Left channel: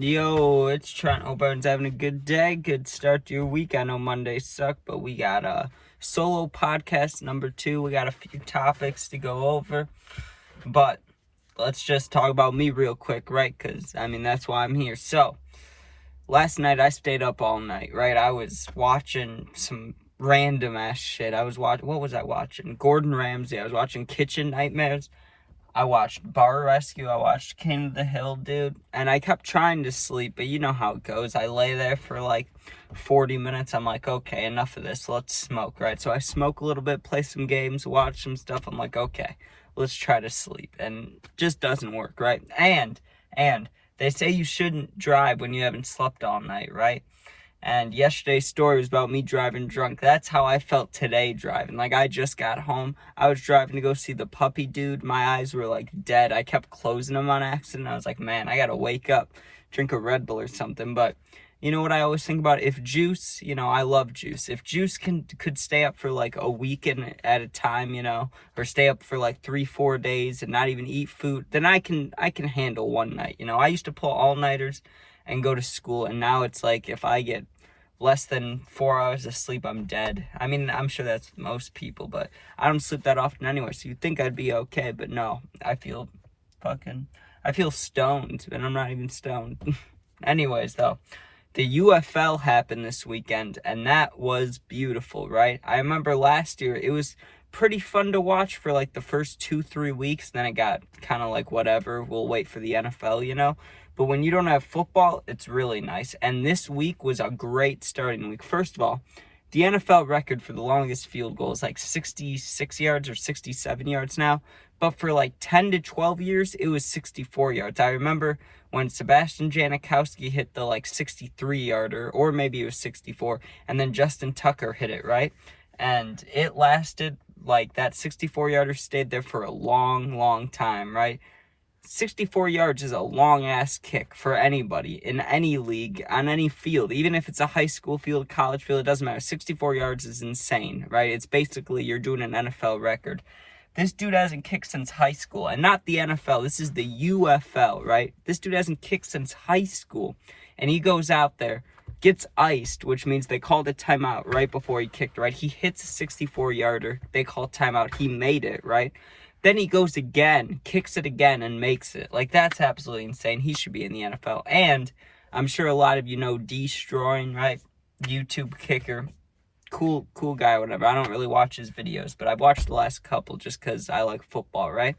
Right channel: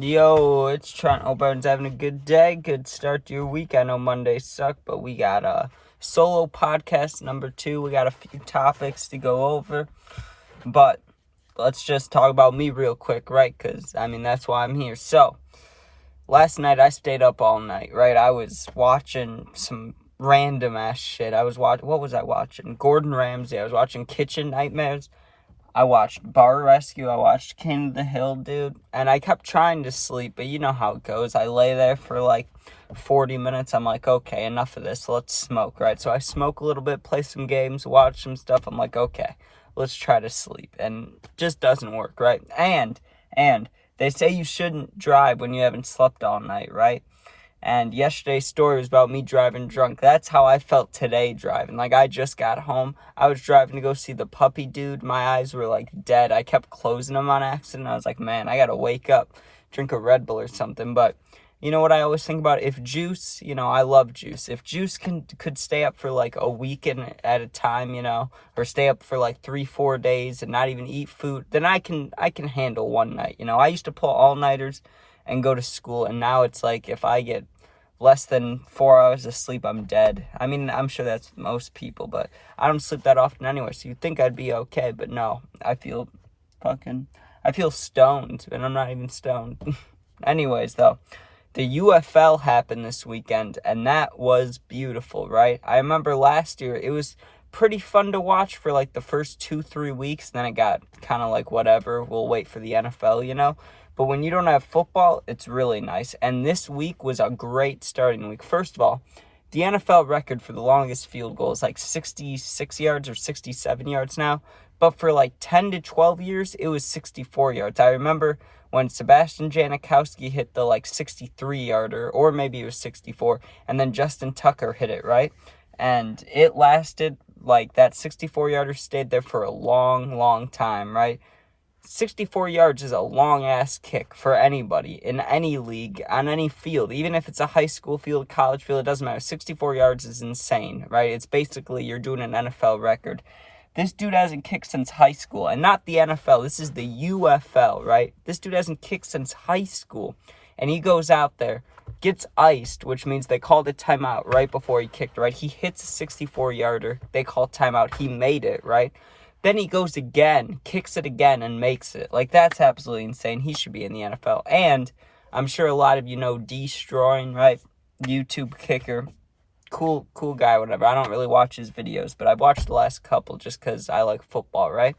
Yo, it's Trent. Hope everyone's having a good day. Good start to your week. I know Mondays suck, but we got a solo podcast number 2. We got a few topics to go over, but let's just talk about me real quick, right? Because, that's why I'm here. So, last night I stayed up all night, right? I was watching some random ass shit. What was I watching? Gordon Ramsay. I was watching Kitchen Nightmares. I watched Bar Rescue, I watched King of the Hill, dude, and I kept trying to sleep, but you know how it goes. I lay there for like 40 minutes, I'm like, okay, enough of this, let's smoke, right? So I smoke a little bit, play some games, watch some stuff, I'm like, okay, let's try to sleep, and it just doesn't work, right? And they say you shouldn't drive when you haven't slept all night, right? And yesterday's story was about me driving drunk. That's how I felt today driving. Like, I just got home. I was driving to go see the puppy dude. My eyes were, like, dead. I kept closing them on accident. I was like, man, I gotta wake up, drink a Red Bull or something. But you know what I always think about? If juice, I love juice. If juice could stay up for, like, a week at a time, or stay up for, like, 3-4 days and not even eat food, then I can handle one night, I used to pull all-nighters and go to school, and now it's like if I get less than 4 hours of sleep, I'm dead. I'm sure that's most people, but I don't sleep that often anyway, so you'd think I'd be okay, but no, I feel stoned, and I'm not even stoned. Anyways, though, the UFL happened this weekend, and that was beautiful, right? I remember last year, it was pretty fun to watch for like the first 2-3 weeks, then it got kind of like whatever, we'll wait for the NFL. But when you don't have football, it's really nice. And this week was a great starting week. First of all, the NFL record for the longest field goal is like 66 yards or 67 yards now. But for like 10 to 12 years, it was 64 yards. I remember when Sebastian Janikowski hit the like 63-yarder, or maybe it was 64, and then Justin Tucker hit it, right? And it lasted, like, that 64-yarder stayed there for a long, long time, right? 64 yards is a long-ass kick for anybody in any league, on any field. Even if it's a high school field, college field, it doesn't matter. 64 yards is insane, right? It's basically you're doing an NFL record. This dude hasn't kicked since high school, and not the NFL. This is the UFL, right? This dude hasn't kicked since high school, and he goes out there, gets iced, which means they called a timeout right before he kicked, right? He hits a 64-yarder. They call timeout. He made it, right? Then he goes again, kicks it again, and makes it. Like, that's absolutely insane. He should be in the NFL. And I'm sure a lot of you know Destroying, right? YouTube kicker. Cool guy, whatever. I don't really watch his videos, but I've watched the last couple just because I like football, right?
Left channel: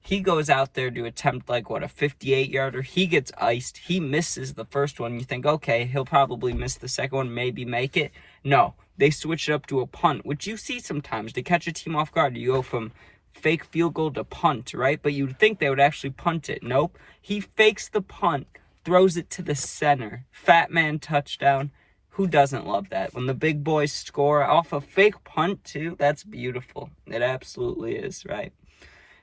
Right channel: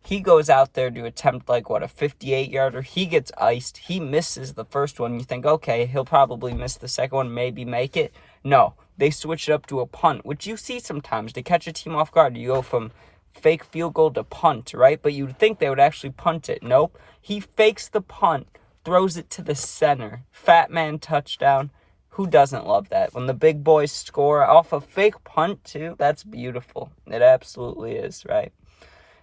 He goes out there to attempt, like, a 58-yarder. He gets iced. He misses the first one. You think, okay, he'll probably miss the second one, maybe make it. No, they switch it up to a punt, which you see sometimes. To catch a team off guard, you go from fake field goal to punt, right? But you'd think they would actually punt it. Nope. He fakes the punt, throws it to the center. Fat man touchdown. Who doesn't love that? When the big boys score off a fake punt, too, that's beautiful. It absolutely is, right?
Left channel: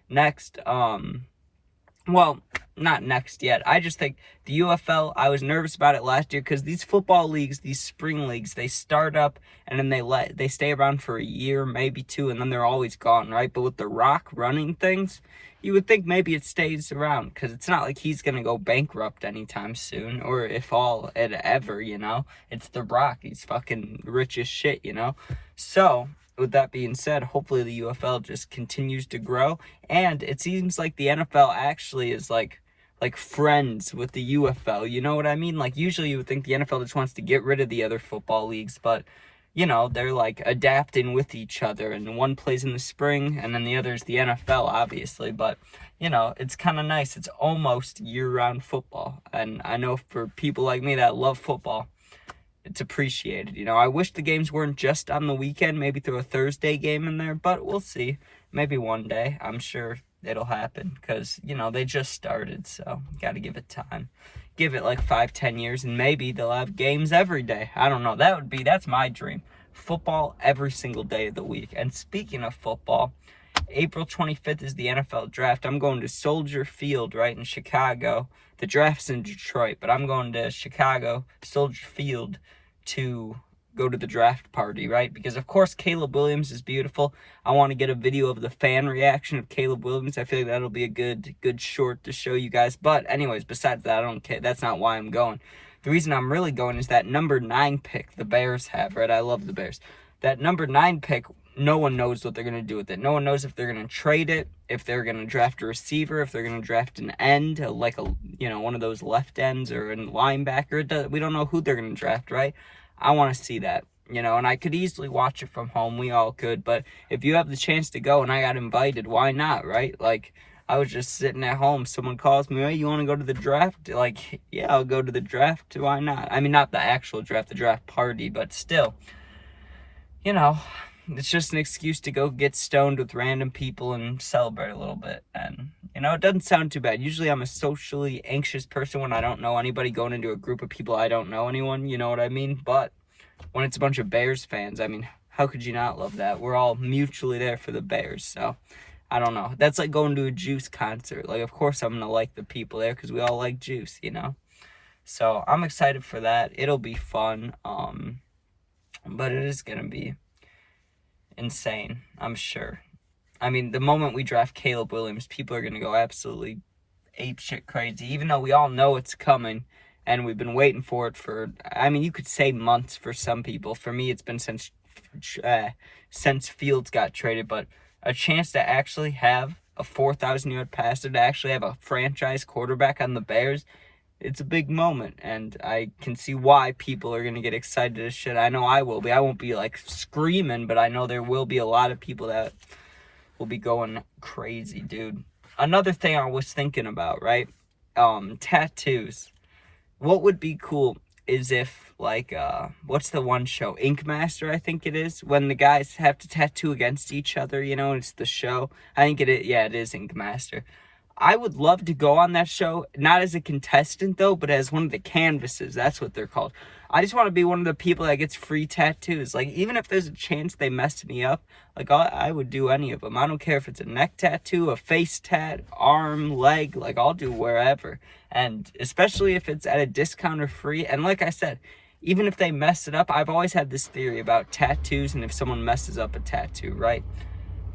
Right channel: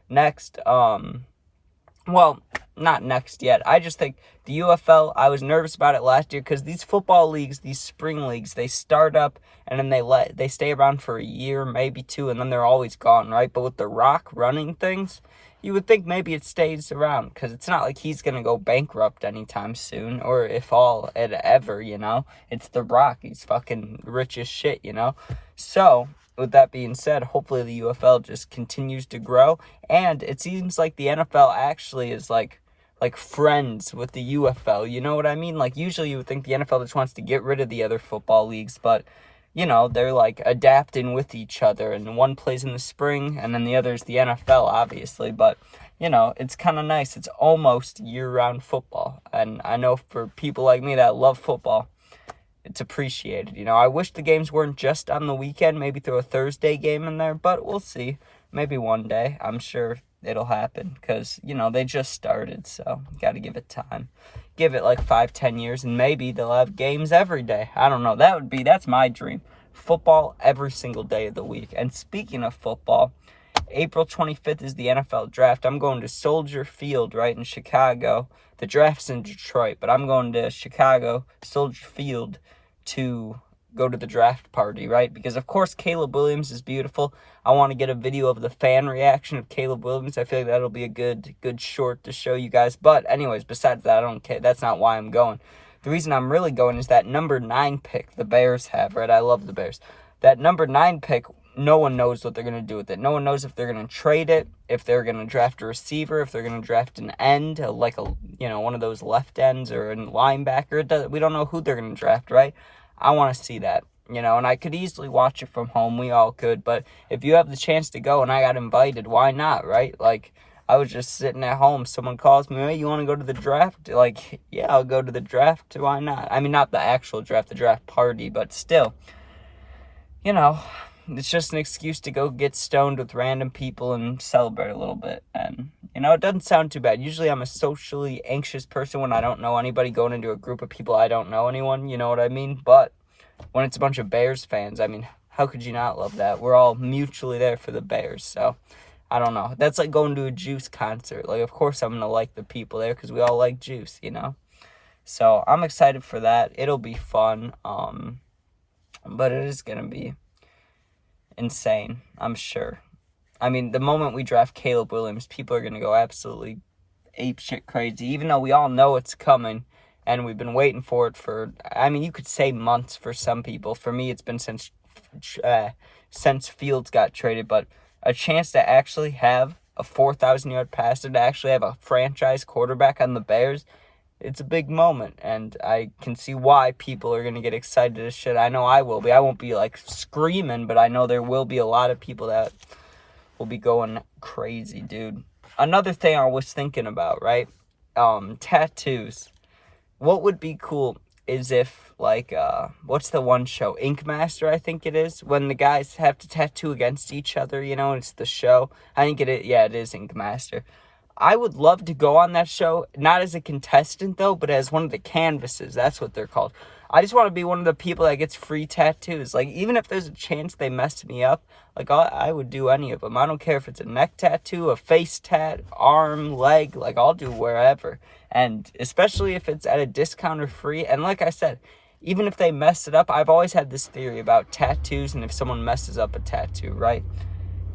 Next, well, not next yet. I just think the UFL, I was nervous about it last year because these football leagues, these spring leagues, they start up and then they stay around for a year, maybe 2, and then they're always gone, right? But with The Rock running things, you would think maybe it stays around because it's not like he's going to go bankrupt anytime soon, or if all it ever, It's The Rock. He's fucking rich as shit, So, with that being said, hopefully the UFL just continues to grow, and it seems like the NFL actually is like friends with the UFL, you know what I mean? Like, usually you would think the NFL just wants to get rid of the other football leagues, but, they're, like, adapting with each other, and one plays in the spring, and then the other is the NFL, obviously, but, it's kind of nice. It's almost year-round football, and I know for people like me that love football, it's appreciated. I wish the games weren't just on the weekend, maybe throw a Thursday game in there, but we'll see. Maybe one day. I'm sure it'll happen because, they just started, so got to give it time. Give it like 5-10 years, and maybe they'll have games every day. I don't know. That's my dream. Football every single day of the week. And speaking of football, April 25th is the NFL draft. I'm going to Soldier Field, right, in Chicago. The draft's in Detroit, but I'm going to Chicago, Soldier Field, to go to the draft party, right? Because, of course, Caleb Williams is beautiful. I want to get a video of the fan reaction of Caleb Williams. I feel like that'll be a good short to show you guys. But anyways, besides that, I don't care. That's not why I'm going. The reason I'm really going is that number 9 pick the Bears have, right? I love the Bears. That number 9 pick, no one knows what they're going to do with it. No one knows if they're going to trade it, if they're going to draft a receiver, if they're going to draft an end, one of those left ends or a linebacker. We don't know who they're going to draft, right? I want to see that, and I could easily watch it from home. We all could, but if you have the chance to go and I got invited, why not, right? Like, I was just sitting at home. Someone calls me, hey, you want to go to the draft? Like, yeah, I'll go to the draft. Why not? I mean, not the actual draft, the draft party, but still, it's just an excuse to go get stoned with random people and celebrate a little bit. And, it doesn't sound too bad. Usually I'm a socially anxious person when I don't know anybody, going into a group of people I don't know anyone, you know what I mean? But when it's a bunch of Bears fans, I mean, how could you not love that? We're all mutually there for the Bears, so I don't know. That's like going to a Juice concert. Like, of course I'm going to like the people there because we all like Juice, So I'm excited for that. It'll be fun, but it is going to be insane, I'm sure. I mean, the moment we draft Caleb Williams, people are going to go absolutely apeshit crazy, even though we all know it's coming, and we've been waiting for it for, you could say months for some people. For me, it's been since Fields got traded, but a chance to actually have a 4,000-yard passer, to actually have a franchise quarterback on the Bears, it's a big moment, and I can see why people are going to get excited as shit. I know I will be. I won't be, screaming, but I know there will be a lot of people that will be going crazy, dude. Another thing I was thinking about, right? Tattoos. What would be cool is if, what's the one show? Ink Master, I think it is. When the guys have to tattoo against each other, it's the show. I think it is. Yeah, it is Ink Master. I would love to go on that show, not as a contestant, though, but as one of the canvases. That's what they're called. I just want to be one of the people that gets free tattoos. Even if there's a chance they mess me up, I would do any of them. I don't care if it's a neck tattoo, a face tat, arm, leg. I'll do wherever. And especially if it's at a discount or free. And like I said, even if they mess it up, I've always had this theory about tattoos and if someone messes up a tattoo, right?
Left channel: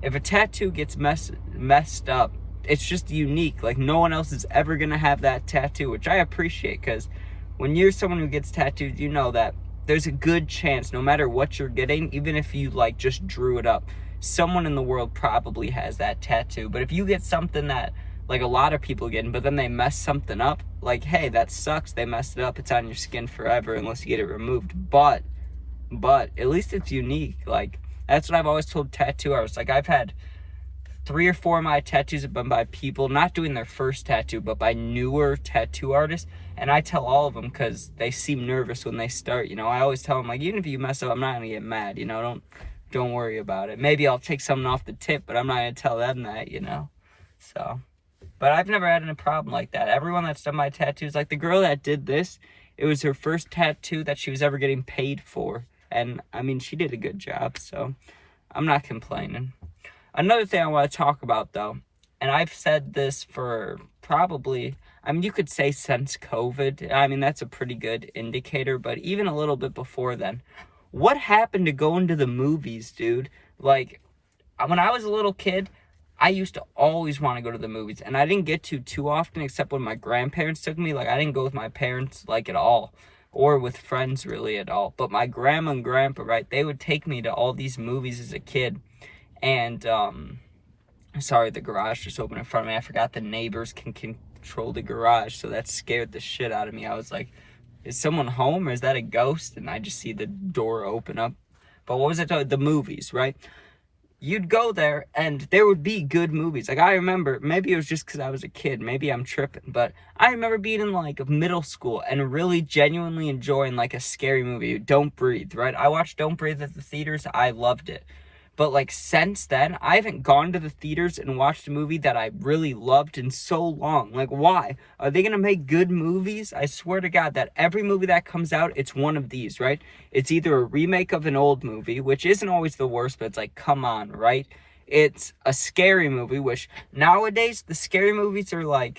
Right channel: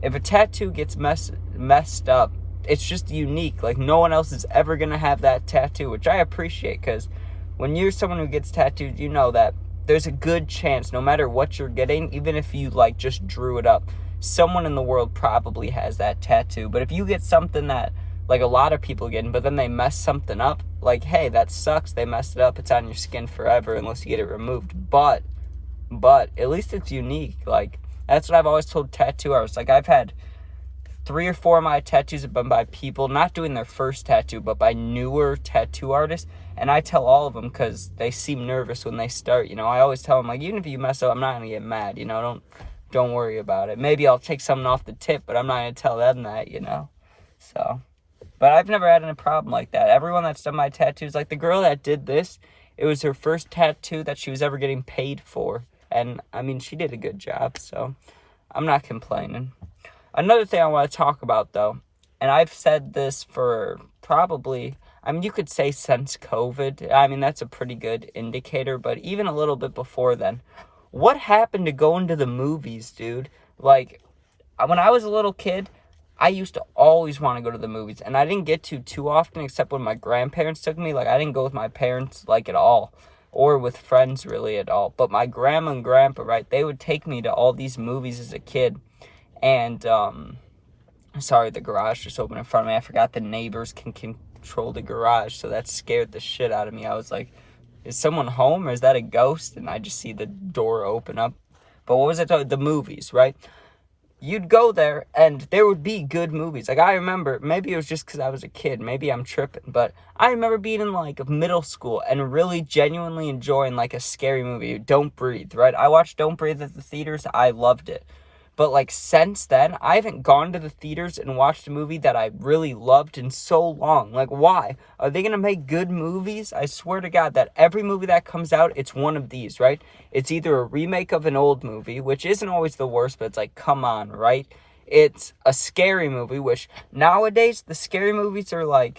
If a tattoo gets messed up, it's just unique. No one else is ever going to have that tattoo, which I appreciate, because when you're someone who gets tattooed, you know that there's a good chance, no matter what you're getting, even if you, just drew it up, someone in the world probably has that tattoo. But if you get something that, a lot of people get, but then they mess something up, hey, that sucks, they messed it up, it's on your skin forever unless you get it removed. But at least it's unique. That's what I've always told tattoo artists. I've had 3 or 4 of my tattoos have been by people not doing their first tattoo, but by newer tattoo artists. And I tell all of them, because they seem nervous when they start. I always tell them, even if you mess up, I'm not going to get mad. Don't worry about it. Maybe I'll take something off the tip, but I'm not going to tell them that, So, but I've never had any problem like that. Everyone that's done my tattoos, the girl that did this, it was her first tattoo that she was ever getting paid for. And, she did a good job, so I'm not complaining. Another thing I want to talk about, though, and I've said this for probably, you could say since COVID. That's a pretty good indicator, but even a little bit before then. What happened to going to the movies, dude? When I was a little kid, I used to always want to go to the movies, and I didn't get to too often, except when my grandparents took me. I didn't go with my parents, at all, or with friends, really, at all. But my grandma and grandpa, right, they would take me to all these movies as a kid. And, sorry, the garage just opened in front of me. I forgot the neighbors can control the garage, so that scared the shit out of me. I was like, is someone home, or is that a ghost? And I just see the door open up. But what was it? The movies, right? You'd go there, and there would be good movies. I remember, maybe it was just because I was a kid. Maybe I'm tripping. But I remember being in, middle school and really genuinely enjoying, a scary movie. Don't Breathe, right? I watched Don't Breathe at the theaters. I loved it. But, since then, I haven't gone to the theaters and watched a movie that I really loved in so long. Why? Are they going to make good movies? I swear to God that every movie that comes out, it's one of these, right? It's either a remake of an old movie, which isn't always the worst, but it's come on, right? It's a scary movie, which nowadays, the scary movies are,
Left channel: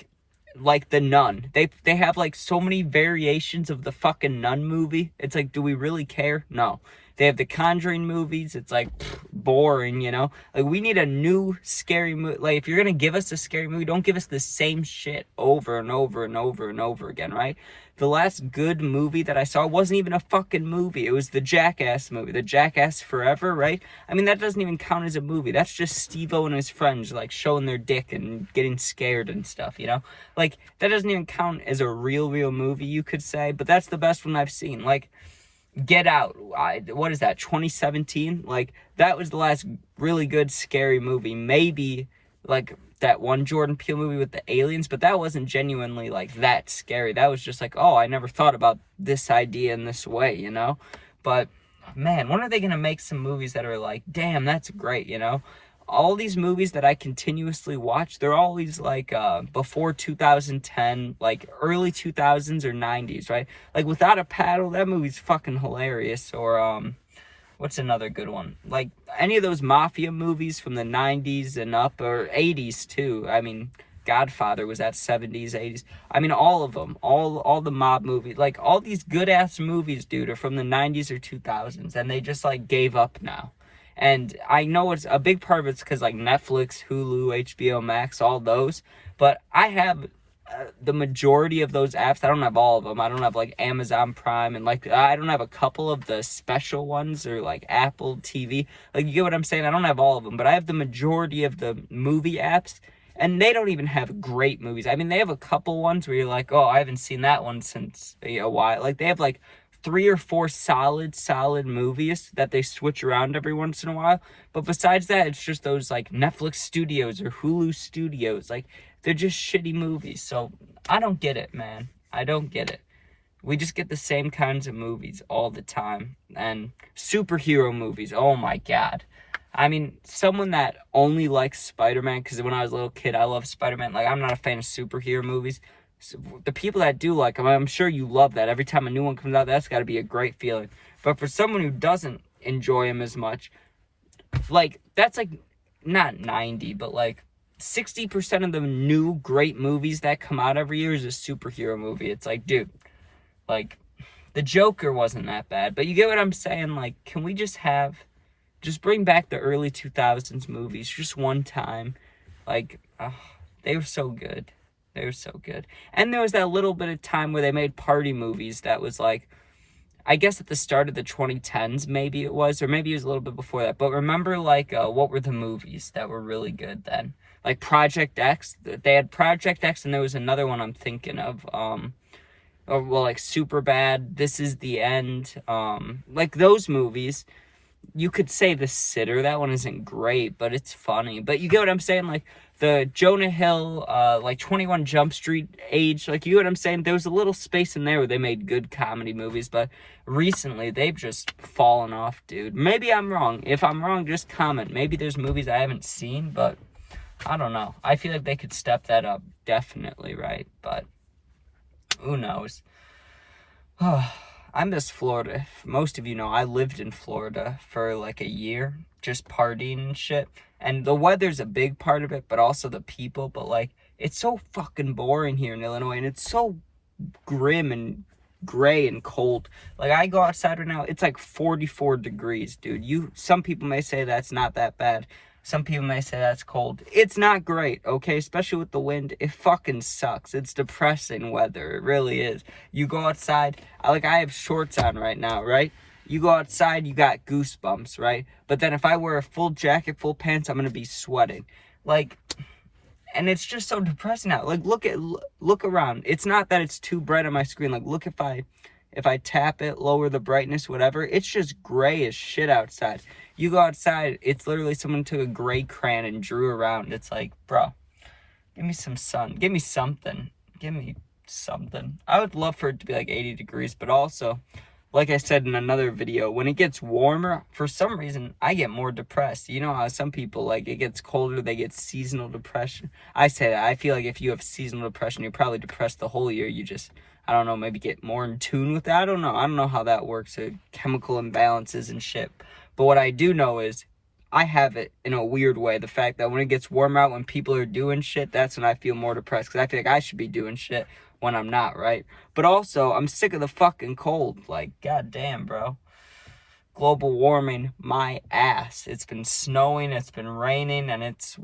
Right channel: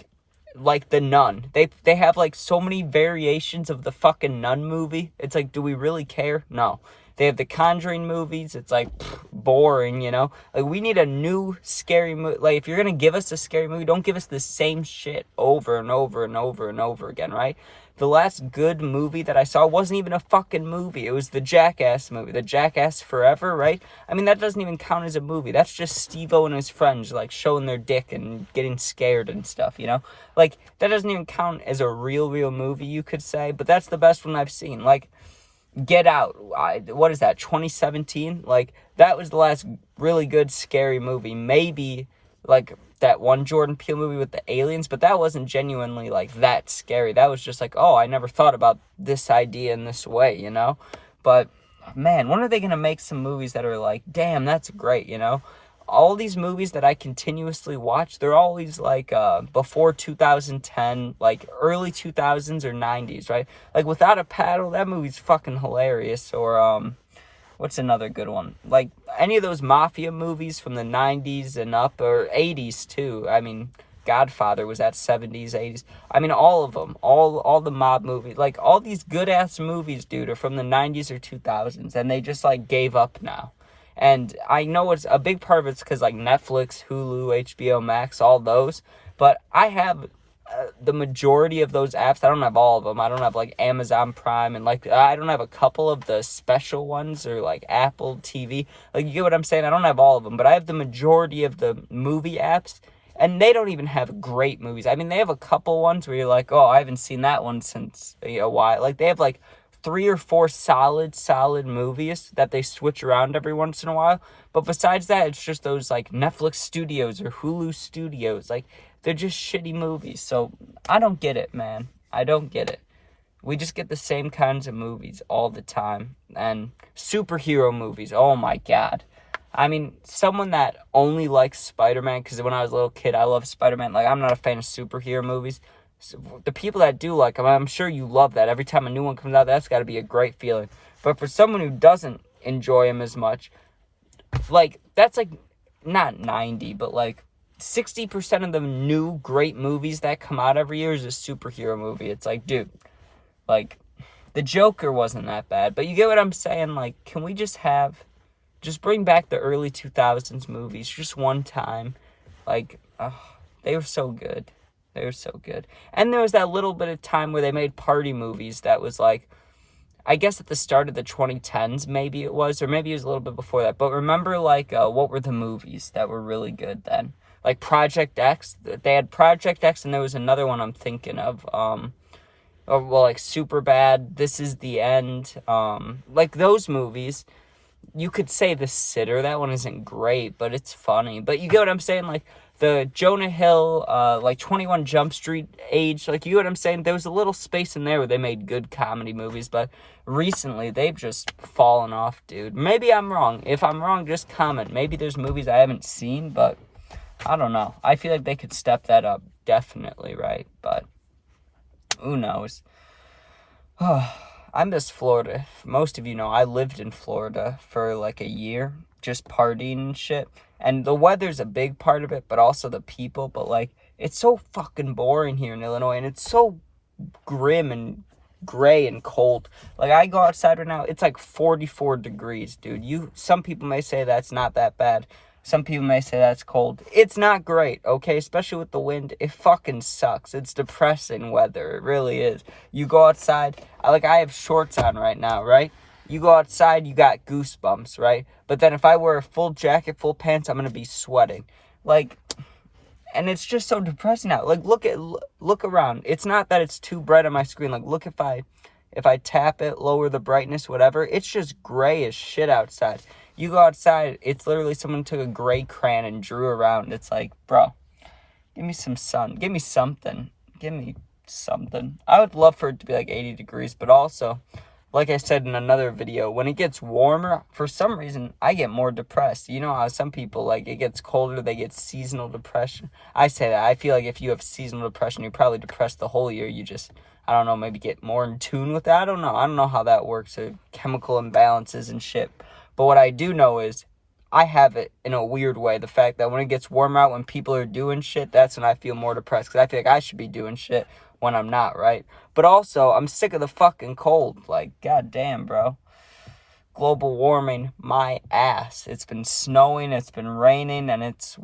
like The Nun. They have like so many variations of the fucking Nun movie. It's like, do we really care? No. They have the Conjuring movies. It's like boring, you know? Like, we need a new scary movie. Like, if you're gonna give us a scary movie, don't give us the same shit over and over and over and over again, right? The last good movie that I saw wasn't even a fucking movie. It was the Jackass movie, the Jackass Forever, right? I mean, that doesn't even count as a movie. That's just Steve-O and his friends, like, showing their dick and getting scared and stuff, you know? Like, that doesn't even count as a real movie, you could say. But that's the best one I've seen. Like, Get Out, what is that, 2017? Like, that was the last really good scary movie. Maybe, like, that one Jordan Peele movie with the aliens, but that wasn't genuinely, like, that scary. That was just like, oh, I never thought about this idea in this way, you know? But, man, when are they going to make some movies that are like, damn, that's great, you know? All these movies that I continuously watch, they're always like before 2010, like early 2000s or 90s, right? Like Without a Paddle, that movie's fucking hilarious. Or what's another good one? Like any of those mafia movies from the 90s and up, or 80s too. I mean, Godfather was at 70s, 80s. I mean, all of them, all the mob movies, like all these good ass movies, dude, are from the 90s or 2000s, and they just like gave up now. And I know it's a big part of it's because like Netflix, Hulu, HBO Max, all those. But I have the majority of those apps. I don't have all of them. I don't have like Amazon Prime, and like I don't have a couple of the special ones, or like Apple TV. Like, you get what I'm saying? I don't have all of them, but I have the majority of the movie apps. And they don't even have great movies. I mean, they have a couple ones where you're like, oh, I haven't seen that one since a while. Like, they have like 3 or 4 solid movies that they switch around every once in a while. But besides that, it's just those like Netflix studios or Hulu studios. Like, they're just shitty movies. So I don't get it, man. I don't get it. We just get the same kinds of movies all the time. And superhero movies, oh my god. I mean, someone that only likes Spider-Man, because when I was a little kid, I loved Spider-Man. Like, I'm not a fan of superhero movies. The people that do like them, I'm sure you love that. Every time a new one comes out, that's got to be a great feeling. But for someone who doesn't enjoy them as much, like, that's like, not 90, but like 60% of the new great movies that come out every year is a superhero movie. It's like, dude, like, the Joker wasn't that bad. But you get what I'm saying? Like, can we just bring back the early 2000s movies just one time? Like, they were so good. They were so good. And there was that little bit of time where they made party movies that was like, I guess at the start of the 2010s, maybe it was, or maybe it was a little bit before that. But remember, like, what were the movies that were really good then? Like Project X. They had Project X, and there was another one I'm thinking of. Like Superbad, This Is the End. Like those movies. You could say The Sitter. That one isn't great, but it's funny. But you get what I'm saying? Like, the Jonah Hill, like 21 Jump Street age, like, you know what I'm saying? There was a little space in there where they made good comedy movies, but recently they've just fallen off, dude. Maybe I'm wrong. If I'm wrong, just comment. Maybe there's movies I haven't seen, but I don't know. I feel like they could step that up, definitely, right? But who knows? I miss Florida. Most of you know I lived in Florida for like a year, just partying and shit. And the weather's a big part of it, but also the people. But like, it's so fucking boring here in Illinois, and it's so grim and gray and cold. Like, I go outside right now, it's like 44 degrees, dude. Some people may say that's not that bad. Some people may say that's cold. It's not great, okay? Especially with the wind. It fucking sucks. It's depressing weather. It really is. You go outside. I have shorts on right now, right? You go outside, you got goosebumps, right? But then if I wear a full jacket, full pants, I'm going to be sweating. Like, and it's just so depressing out. Like, look around. It's not that it's too bright on my screen. Like, look, if I tap it, lower the brightness, whatever, it's just gray as shit outside. You go outside, it's literally someone took a gray crayon and drew around. It's like, bro, give me some sun. Give me something. Give me something. I would love for it to be like 80 degrees, but also, like I said in another video, when it gets warmer, for some reason, I get more depressed. You know how some people, like, it gets colder, they get seasonal depression. I say that. I feel like if you have seasonal depression, you're probably depressed the whole year. You just, I don't know, maybe get more in tune with that. I don't know how that works. Chemical imbalances and shit. But what I do know is I have it in a weird way. The fact that when it gets warmer out, when people are doing shit, that's when I feel more depressed. Because I feel like I should be doing shit when I'm not, right? But also, I'm sick of the fucking cold. Like, goddamn, bro. Global warming, my ass. It's been snowing, it's been raining, and it's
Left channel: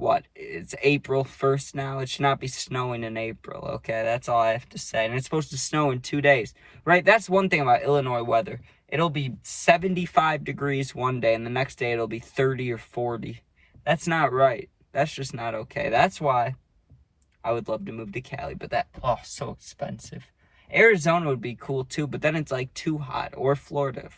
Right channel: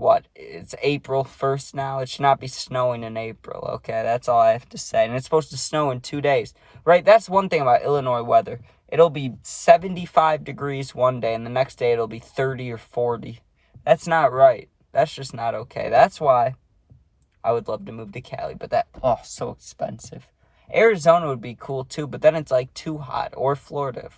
April 1st now. It should not be snowing in April, okay? That's all I have to say. And it's supposed to snow in 2 days, right? That's one thing about Illinois weather. It'll be 75 degrees one day, and the next day it'll be 30 or 40. That's not right. That's just not okay. That's why I would love to move to Cali, but so expensive. Arizona would be cool too, but then it's like too hot. Or Florida's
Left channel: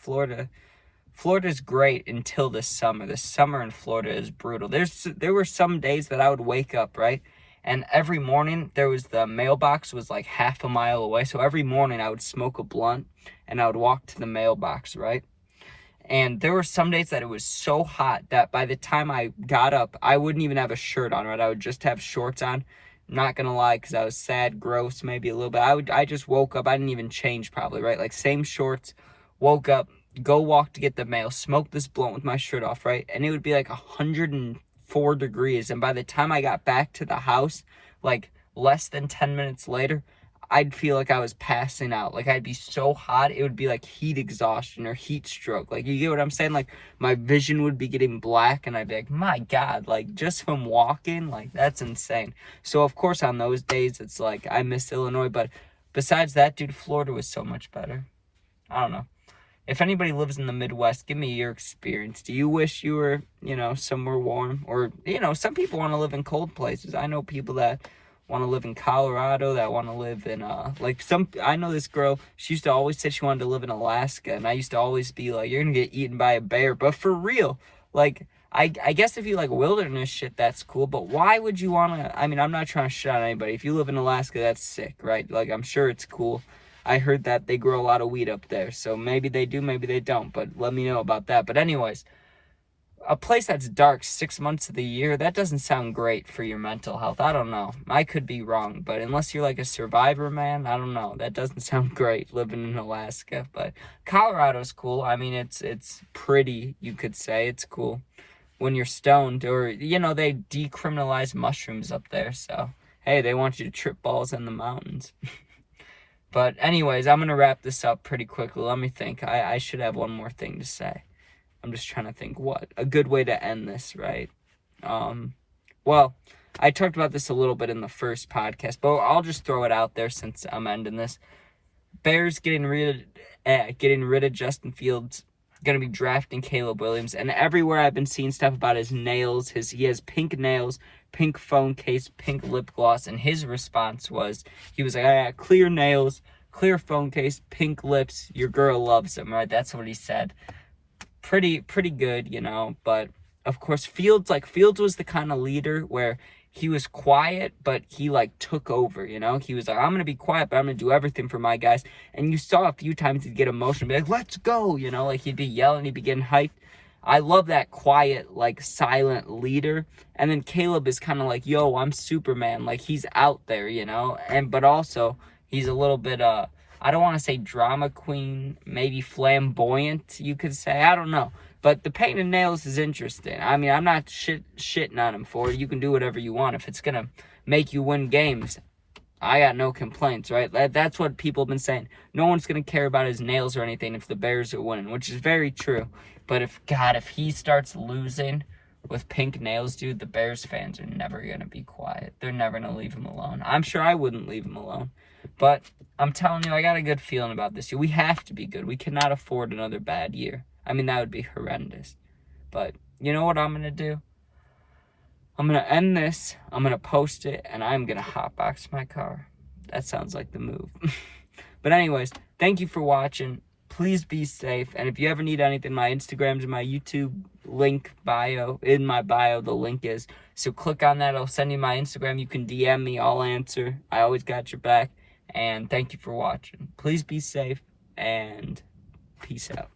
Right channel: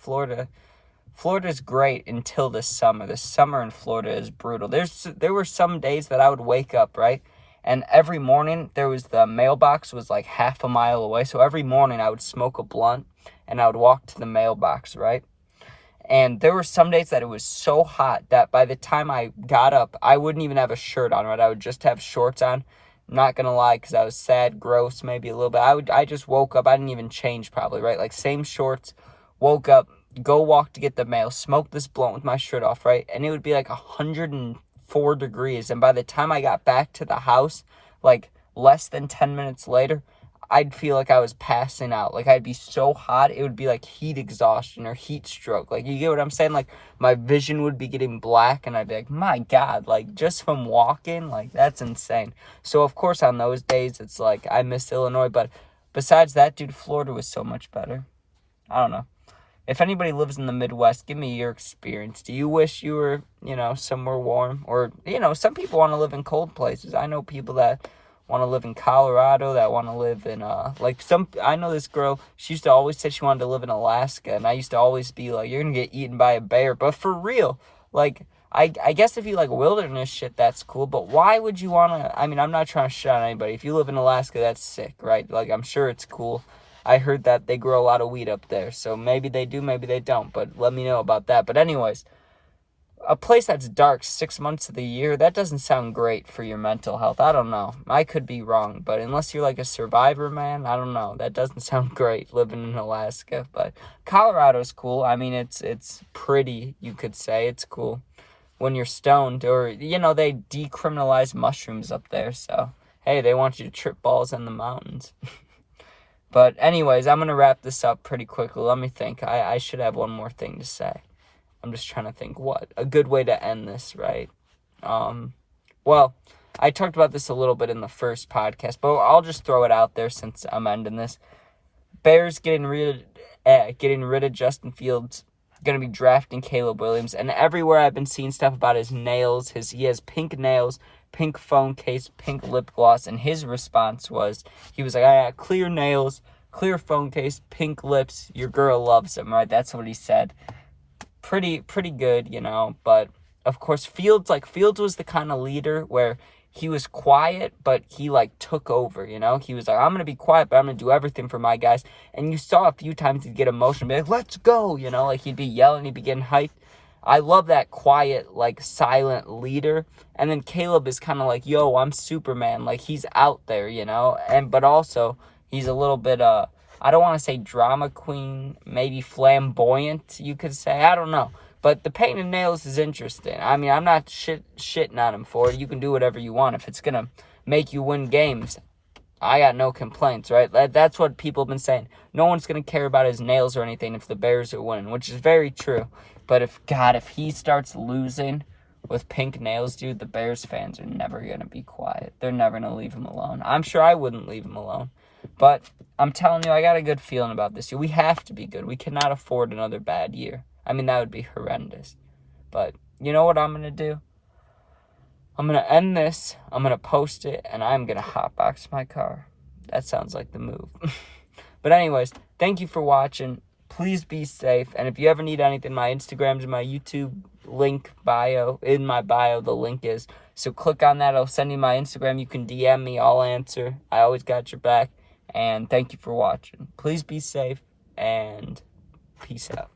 great until the summer. The summer in Florida is brutal. There were some days that I would wake up, right? And every morning the mailbox was like half a mile away. So every morning I would smoke a blunt and I would walk to the mailbox, right? And there were some days that it was so hot that by the time I got up, I wouldn't even have a shirt on, right? I would just have shorts on. I'm not going to lie, because I was sad, gross, maybe a little bit. I just woke up. I didn't even change probably, right? Like same shorts, woke up, go walk to get the mail, smoke this blunt with my shirt off, right? And it would be like 104 degrees. And by the time I got back to the house, like less than 10 minutes later, I'd feel like I was passing out. Like I'd be so hot, it would be like heat exhaustion or heat stroke. Like, you get what I'm saying? Like my vision would be getting black and I'd be like, my God, like just from walking, like that's insane. So of course on those days, it's like I miss Illinois. But besides that, dude, Florida was so much better. I don't know. If anybody lives in the Midwest, give me your experience. Do you wish you were, somewhere warm? Or, some people want to live in cold places. I know people that want to live in Colorado, that want to live in, I know this girl, she used to always say she wanted to live in Alaska, and I used to always be like, you're going to get eaten by a bear. But for real, like, I guess if you like wilderness shit, that's cool, but why would you want to, I'm not trying to shit on anybody. If you live in Alaska, that's sick, right? Like, I'm sure it's cool. I heard that they grow a lot of weed up there, so maybe they do, maybe they don't, but let me know about that. But anyways, a place that's dark 6 months of the year, that doesn't sound great for your mental health. I don't know. I could be wrong, but unless you're like a survivor, man, I don't know. That doesn't sound great living in Alaska, but Colorado's cool. It's pretty, you could say. It's cool when you're stoned, or, they decriminalize mushrooms up there, so, hey, they want you to trip balls in the mountains. But anyways, I'm going to wrap this up pretty quickly. Let me think. I should have one more thing to say. I'm just trying to think what a good way to end this, right? Well, I talked about this a little bit in the first podcast, but I'll just throw it out there since I'm ending this. Bears getting rid of Justin Fields, going to be drafting Caleb Williams, and everywhere I've been seeing stuff about his nails. He has pink nails, pink phone case, pink lip gloss, and his response was, he was like, I got clear nails, clear phone case, pink lips, your girl loves him, right? That's what he said. Pretty good, but of course Fields was the kind of leader where he was quiet, but he took over, he was like, I'm going to be quiet, but I'm going to do everything for my guys. And you saw a few times he'd get emotional, be like, let's go, he'd be yelling, he'd be getting hyped. I love that quiet, silent leader. And then Caleb is kind of like, yo, I'm Superman. He's out there, but also he's a little bit, I don't want to say drama queen, maybe flamboyant, you could say. I don't know. But the painted nails is interesting. I'm not shitting on him for it. You can do whatever you want. If it's going to make you win games, I got no complaints, right? That's what people have been saying. No one's going to care about his nails or anything if the Bears are winning, which is very true. But if he starts losing with pink nails, dude, the Bears fans are never going to be quiet. They're never going to leave him alone. I'm sure I wouldn't leave him alone. But I'm telling you, I got a good feeling about this year. We have to be good. We cannot afford another bad year. That would be horrendous. But you know what I'm going to do? I'm going to end this. I'm going to post it, and I'm going to hotbox my car. That sounds like the move. But anyways, thank you for watching. Please be safe. And if you ever need anything, my Instagram's in my YouTube link bio. In my bio, the link is. So click on that. I'll send you my Instagram. You can DM me. I'll answer. I always got your back. And thank you for watching. Please be safe, and peace out.